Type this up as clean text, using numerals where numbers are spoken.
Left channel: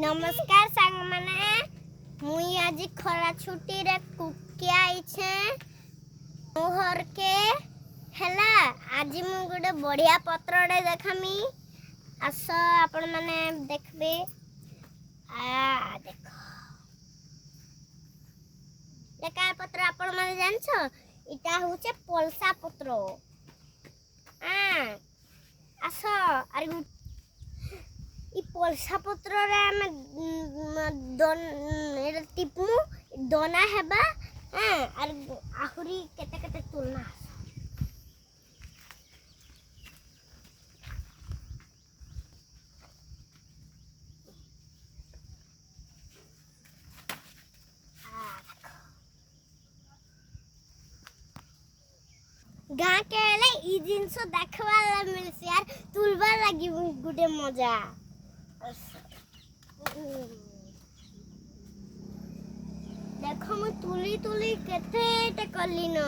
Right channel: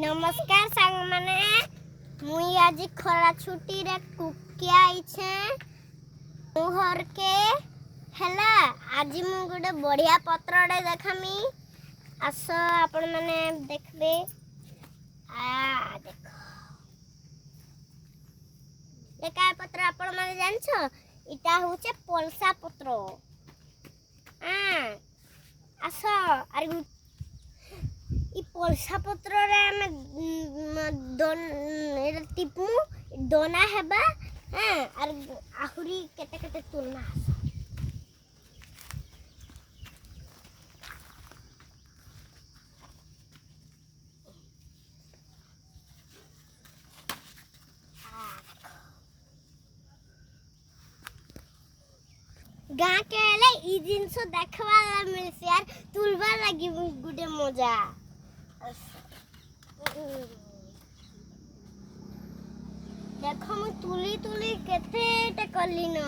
नमस्कार सांग माने मुई आज खरा छुट्टी रे कुके आइछे मुहर के हैला आज मु गोटे बढ़िया पत्रडे देखामी आस आपण माने देखबे आ देखो ये काय पत्र आपण माने जानछो इटा होचे पलसा पत्र आस अरे इ पलसा पत्र रे हम टिपू दोना हेबा और आहुरी केते केते तुलना गाँ के ले इ जिनसो देखवाला मिलसे यार तुलबा लगी गुडे मजा देखो मु तुली तुली केते कली न।